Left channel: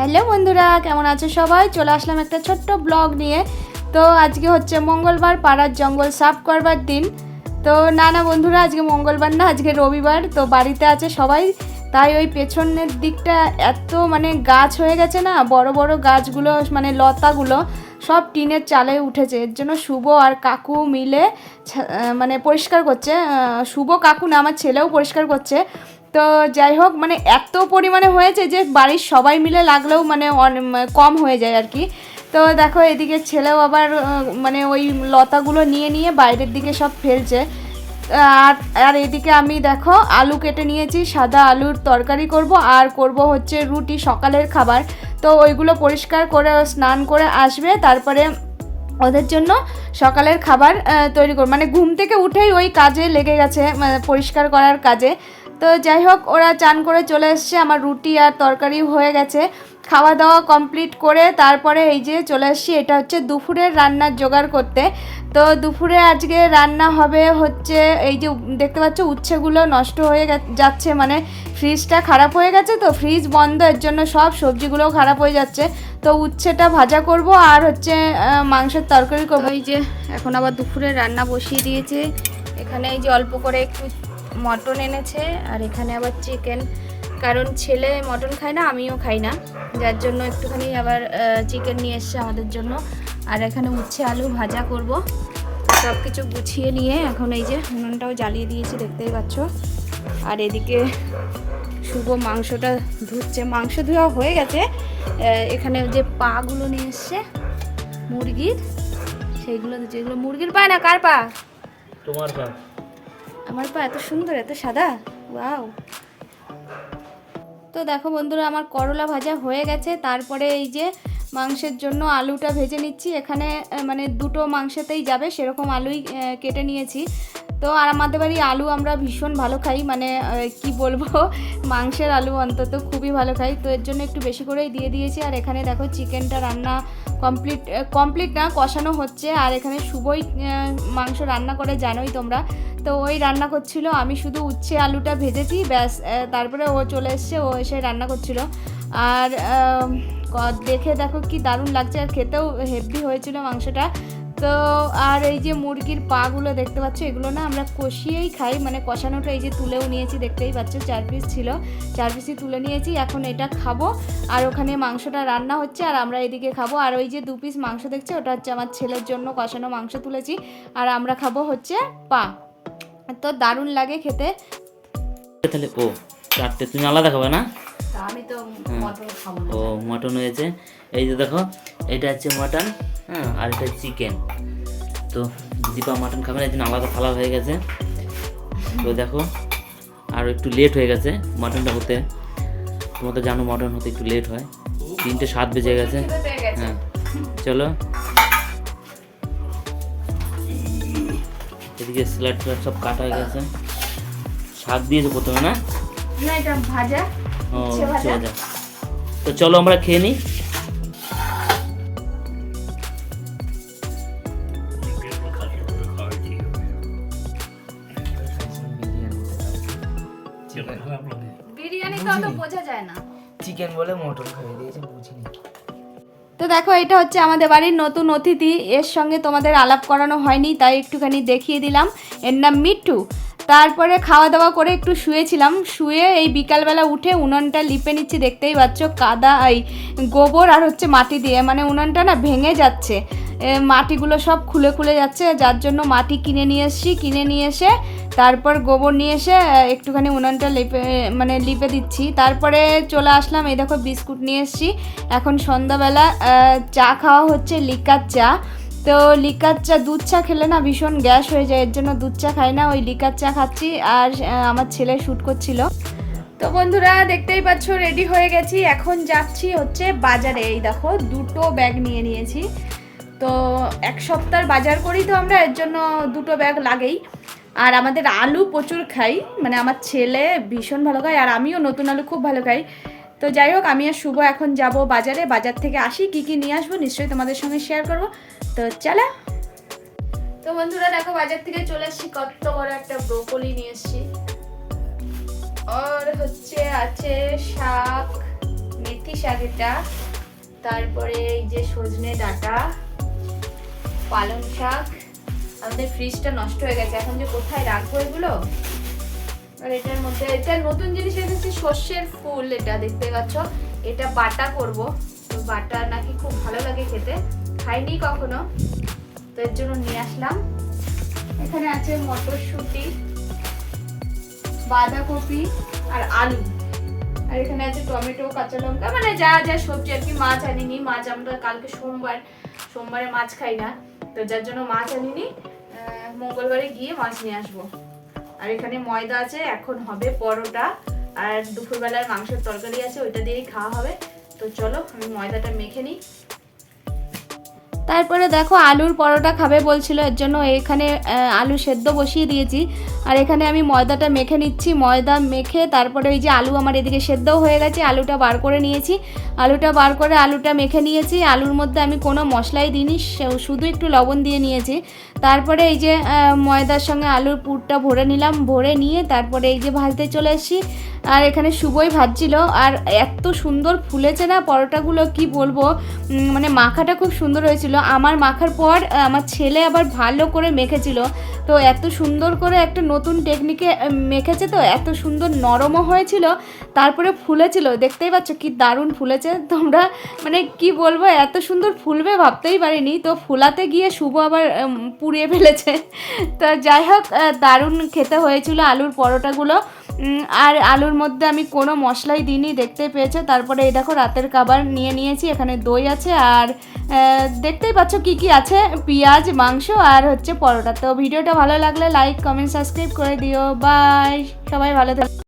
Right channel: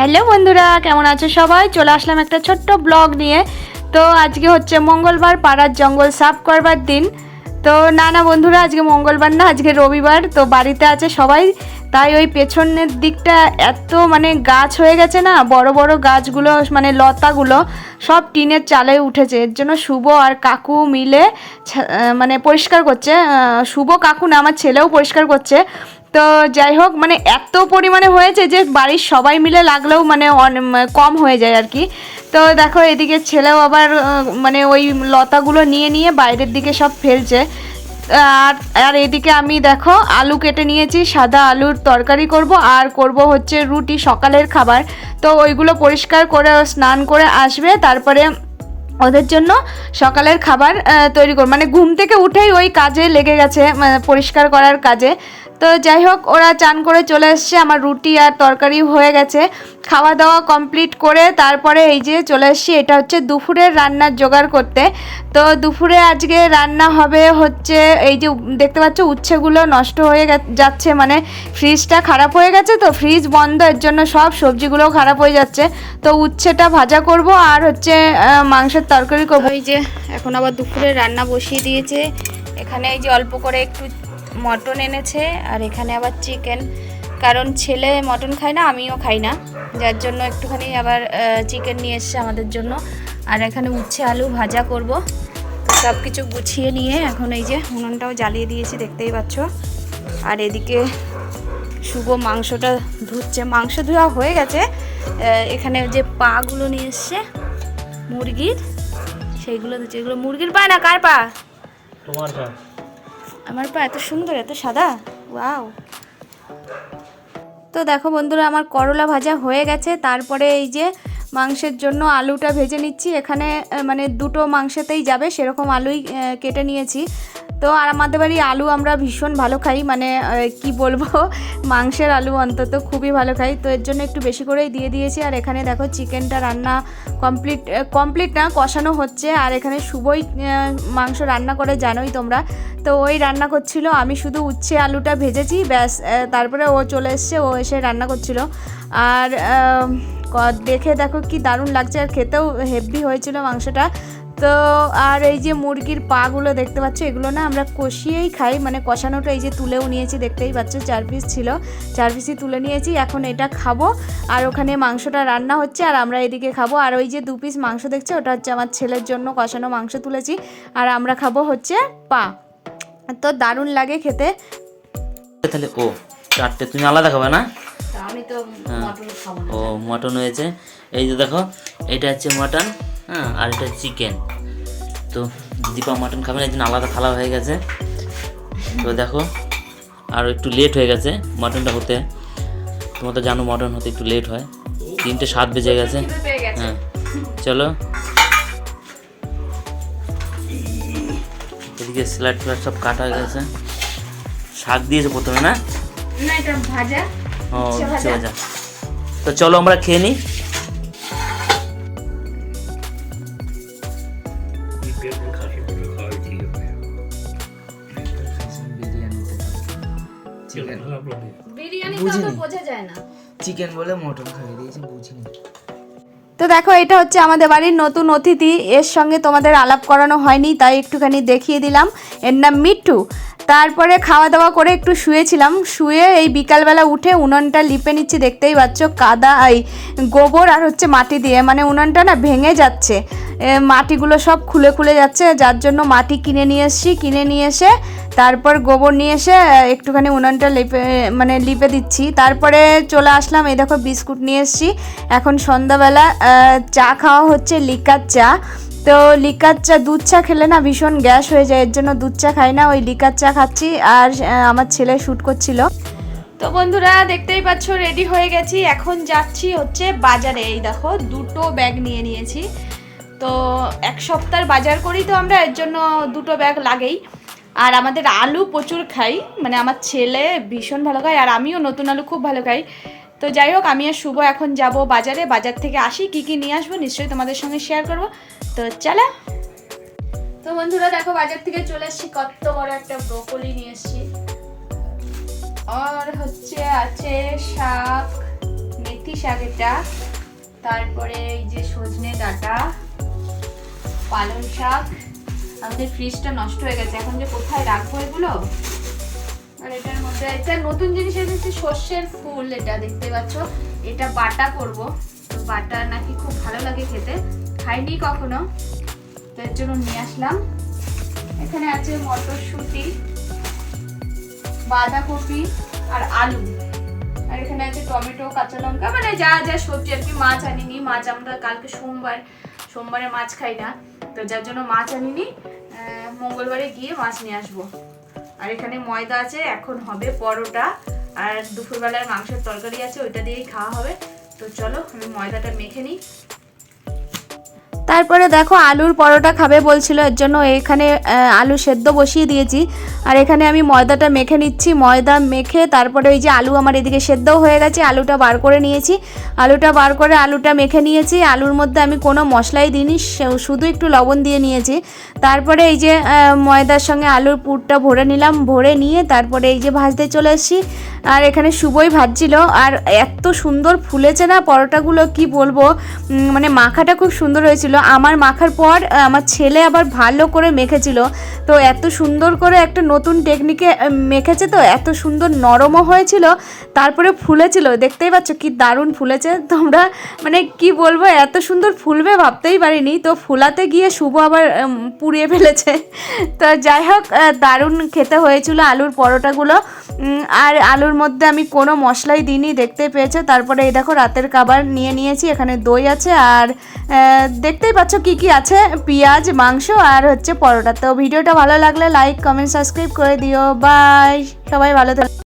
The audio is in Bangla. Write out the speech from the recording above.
হ্যালো বন্ধুরা, কেমন আছো সবাই? চলে আসলাম একটা ছোট্ট ব্লগ নিয়ে। তো আজকে হচ্ছে মঙ্গলবার, পাড়ার জঙ্গল সাফ করবার দিন। তো না না বন্ধুরা, আজকে মঙ্গলবার না, আজকে রবিবার। তো বাড়িতে আছে সবাই। তাই ওই পেছনের দিকটা এত মানে গাছ হয়ে গেছে না, বড় বড় গাছগুলো মানে লতাগুলো, সব টিনের চালে উঠেছে। এর জন্য শুভ আর কাকু মিলে মানে পরিষ্কার করছে। শুভ কাকু না, আমার ছেলেও পরিষ্কার করছে। তো যাই হোক মানে এত পরিমাণে হয়েছে যে বাড়ির সবাই মিলে লাগলেও মানে কম হয়ে যায় আর কি। তো দেখো, এদিকে ছেলেও আবার মানে ওই লতাগুলো নিয়ে নিয়ে বাইরের দিকে সব ফেলছে। আর আর এদিকে আমি দেখো, আলু কেটে নিয়েছি, সাদা আলুর তরকারি করব, আর করব হচ্ছে রুটি, সকালের খাবার। তো ওইগুলো পরিষ্কার করে স্নান করে আসবে, তারপরে ওদের জন্য সকালের খাবার তৈরি করব। মানে ঘুম থেকে উঠেই ওই কাজে লেগে গেছে মানে পরিষ্কার করার কাজে। তো যাই হোক, ওরা চান করে চলে এসছে, আমার রুটি আর তরকারি হয়ে গেছে। খাওয়া দাওয়া কমপ্লিট করে তারপরে এই যে চলে এসছি, এটা হচ্ছে দুপুরের রান্নার জোগাড় করতে। তো দুপুরে আজকে রান্না হবে হচ্ছে, এই যে দেখতে পাচ্ছ উচ্ছেগুলো নষ্ট হয়ে যাচ্ছে মানে ফ্রিজটা খারাপ হয়ে গেছে তো ফ্রিজ বন্ধ, এর জন্য সব সবজিগুলো খারাপ হয়ে যাচ্ছে। তো উচ্ছেটা ভাজা করব আর হচ্ছে মাংসের তরকারি করব। এই যে, এখন আবার দুপুরে রান্না বসিয়ে দিয়েছে। এখানে এই যে অল্প করে একটু মটন এনেছে আর এখানে আবার চিকেন। কারণ ছেলে মটন খায় না, আমিও খাই না। যার জন্য একটুখানি আবার চিকেন নিয়ে এসছে আমাদের জন্য। আর এখানে উচ্ছে আলু ভাজা করব। সব কিছু গুছিয়ে নিয়ে এখন এই যে উনুনটাও জ্বালিয়ে দিয়েছি, দেখতেই পাচ্ছ। আর এদিকে শুভ মাংসটা ধুচ্ছে। মাংস ধোয়া হয়ে গেছে। এখানে যে পাগুলো নিয়ে এসছে, মুরগির, সেইগুলো দিচ্ছে এগুলো মুরগির পা না? কার পা? তোমার পা। আমার পা এত সুন্দর, এত সাদা? ওয়াও। তো দেখো বন্ধুরা, আমার করলা ভাজা হয়ে গেছে। তারপরে এই যে মাংসের জন্য আলুটা ভেজে নিচ্ছি। এখানে মানে দুটো মাংসেতেই যাবে, সেরকম আলুই কেটে নিয়েছি। তো আর আমাদের বাড়ি আলু আমরা ভীষণ ভালো খাই মানে কি বলব, মাংসের আলু অন্তত খুবই ভালো খাই। তো এর জন্য একটু বেশি করেই দিয়ে দিয়েছি। আর এখানে দেখো চিকেনটা রান্না কমপ্লিট কমপ্লিট না, কষানো হচ্ছে। আর এখানে শুভই মাংস রান্না করে জানোই তোমরা। তো ওই রান্না করছিল, আমি শুধু উচ্ছে আলুটা ভেজেছি, ব্যাস তারপরে ও চলে এসছে, ও এসে রান্না করছিল। আর দেখে দেখো কি দারুণ লাগছে। আর খেতেও হেভি হয়েছিল মাংসটা। তো আর এই যে মুরগির পাগুলো দেখতে পাচ্ছ এগুলো না আমরা কষিয়েই খাই মানে কষানোটা এই যে তুলেও নিয়েছি দেখতেই পাচ্ছ চার পিস ছিল। চার পিসই তুলে নিয়েছি এখন এটা খাব। আর ওখানে মাংসটা রান্না হচ্ছে আর আমরা এদিকে খাব। আর ওই যে দু পিস মাংস দেখছে ওটা হচ্ছে আমার ছেলের জন্য কষানো মাংস তুলেছি। আর আমরা খাব হচ্ছে পা। তো দারুণ লাগে খেতে। তাহলে ও চারটে তুমি আলাদা খাবে না? আমি তো হ্যাঁ। মটন খাব ও মটন হয়েছে। এই যে দেখো এটা হচ্ছে মটন। হ্যাঁ। আর এটা চিকেন তো দীপা মাটন খাবে না এই জন্য আলাদা থালা হয়ে গেছে। তো দেখো আর একটু লেট হয়ে গেছে মাটনটা হতে। তোমার তো জানো মাটন হতে একটু লেট হয়। তিনটে সাত বেজে গেছে। হ্যাঁ চলো। এদিকে স্যালাড ফ্যালাড সব কাটা হয়ে গেছে। শাক দিয়েছে প্রথমে না? ভাজা। ও। ভাজা। তো চলো আমরা খেয়ে নিই বিরিয়ানি তো বোঝা যায় না। চিকেন বলে মটন খাইয়ে দিয়েছে বুঝিনি। তো দেখো এটা হচ্ছে আমাদের বাড়ির নতুন অতিথি। এর সঙ্গে তোমাদের আলাপ করানো হয়নি তাই একটুখানি দেখিয়ে দিলাম। এর নাম মিট্টু। তারপরে খাওয়া দাওয়া করে একটু শুয়েছিলাম। শুয়ে এই বিকালবেলা উঠে উনুনটা লিপে নিচ্ছি দেখতেই পাচ্ছ কাদা এই গোবর আর হচ্ছে মাটি দিয়ে। মানে উনুনটা না ভেঙে যাচ্ছে। মাটিগুলো সব খুলে খুলে যাচ্ছে, যার জন্য মাটি কিনে নিয়ে এসেছি, কিনে নিয়ে এসে তারপর গোবর নিয়ে এসে একটুখানি উনানটা লেপে মানে লিপে দিচ্ছি। তারপরে চলে আসলাম, এই দেখো বিস্কুট নিয়ে এসেছি। এখন সন্ধ্যাবেলা চা খাওয়া হচ্ছে, লিকার চা। তো লিকার চা, দুধ চা খেলে না ভীষণ গ্যাস হয়ে যায়, এর জন্য দুধ চা খাই না, ওই লিকার চা খাচ্ছি। আর আমার ছেলে শ্যুট করছিল। তো বন্ধুরা, দেখতেই পাচ্ছ রেডি হয়ে গেছি। এখন যাচ্ছি হচ্ছে বাজারে। এই দেখো, দুটো ব্যাগ নিয়ে নিয়েছি। তো এক সপ্তাহ বাজার করি তো আমরা, এর জন্য দুটো ব্যাগ লাগেই। আর আমাদের আলু প্রচুর খাই মানে আমার ছেলে ভীষণ ভালো খায়, আর আমিও নতুন আলু খুব ভালো খাই। তো যাই হোক, আমি আর শুভ এখন যাব বাজারে, বাজার থেকে আসি, কি কি নিয়ে আসব নিশ্চয়ই তোমাদের সঙ্গে শেয়ার করব। তো চলে। তো বন্ধুরা, দেখো বাজার থেকে চলে এসেছি কত বড় একটা ব্রোকলি নিয়ে এসেছি। আর হচ্ছে আছে শাক, মেথি শাক এটা। তারপরে এই যে সজনে ডাঁটা। পালং শাক। আমাদের ফ্রিজটা নষ্ট হয়ে গেছে। এখন যে কোথায় রাখব এগুলো? আর এটার মধ্যে, এটা নতুন জিনিস এসেছে সর্ষের ফুল এটা দেখতে পাচ্ছ। এটা বাটা করব। তো বাটা নাকি খুব ভালো লাগে খেতে। খাইনি কখনো। তো এর জন্য নিয়ে আসলাম। এখানে আছে মটরশুঁটি, বাঁধাকপি আর আলু। আর এখানে আছে টমেটো, কাঁচা লঙ্কা। মানে যা যা সবজি আর কি, মাছ আনিনি। মাছ আমরা কালকে সোমবার, সোমবারে মাছ খাই না। তো যার জন্য মাছ আনিনি মঙ্গলবারে গিয়ে মাছ নিয়ে আসব। আর এখানে ময়দা আছে, এখন হবে পরোটা, আর দুপুরবেলার মাংসের তরকারি আছে, ওইটা দিয়েই খাওয়া হবে। তো চলো, আমি ময়দাটা মেখে নিই। তারপরে দেখো আলুর পরোটা খাবে বলছিল, এর জন্য এখানে আলু সেদ্ধ বসিয়ে দিয়েছি। আর এখানে আমি ময়দাটা মেখে নিচ্ছি। ময়দা মেখে তারপরে ওই যে আলু আমার এদিকে সেদ্ধ হয়ে গেছে, আলুটা বার করে নিয়েছি। আলুটা বার করে আলুটা মেখে নিয়েছি। আলুর মধ্যে আমি কোনো মশলাই দিইনি শুধু একটু লবণ দিয়ে নিয়েছি। তারপরে এই যে ময়দার সঙ্গে আলুর পুরটা ভরে নিলাম, ভরে নিয়ে তারপরে এই যে ভাজতে চলে এসেছি। আর এখানে শুভই ভাজছিল। আর এত সুন্দর ফুলেছে না পরোটাগুলো, কি বলব? মানে মাখাটা খুব সুন্দর হয়েছিল। আমার মাখার পর আমার ছেলে আবার ভালো করে মেখেছিল। তো এত সুন্দর করে একটা নতুন টেকনিকে মেখেছে তো, এত সুন্দর নরমও হয়েছিল, তারপরে ফুলেছিল। দেখতেই পাচ্ছ কি দারুণ ফুলেছে। তোমরা মানে কি বলব, এত সুন্দর ফুলবে ভাবতেই পারিনি। তো ফুলাতে গিয়ে শুভ আবার পুড়িয়ে ফেলেছে। তো যাই হোক দারুণ খেতে হয়েছিল আলুর পরোটাগুলো। আর আলুর মধ্যে আমি কোনো মশলাই দিইনি, দেখতে পেয়েছে? তারপরে এই দেখো, রাতের খাবার নিয়ে নিয়েছি, এখানে দই আছে, আর দেখতেই পাচ্ছ কি কি আছে? পেঁয়াজ, মাংস, আর হচ্ছে পরোটা। তো ভিডিওটা ভালো লাগলে লাইক কমেন্ট সাবস্ক্রাইব করে দিও। বাই সবাই ভালো থাকো।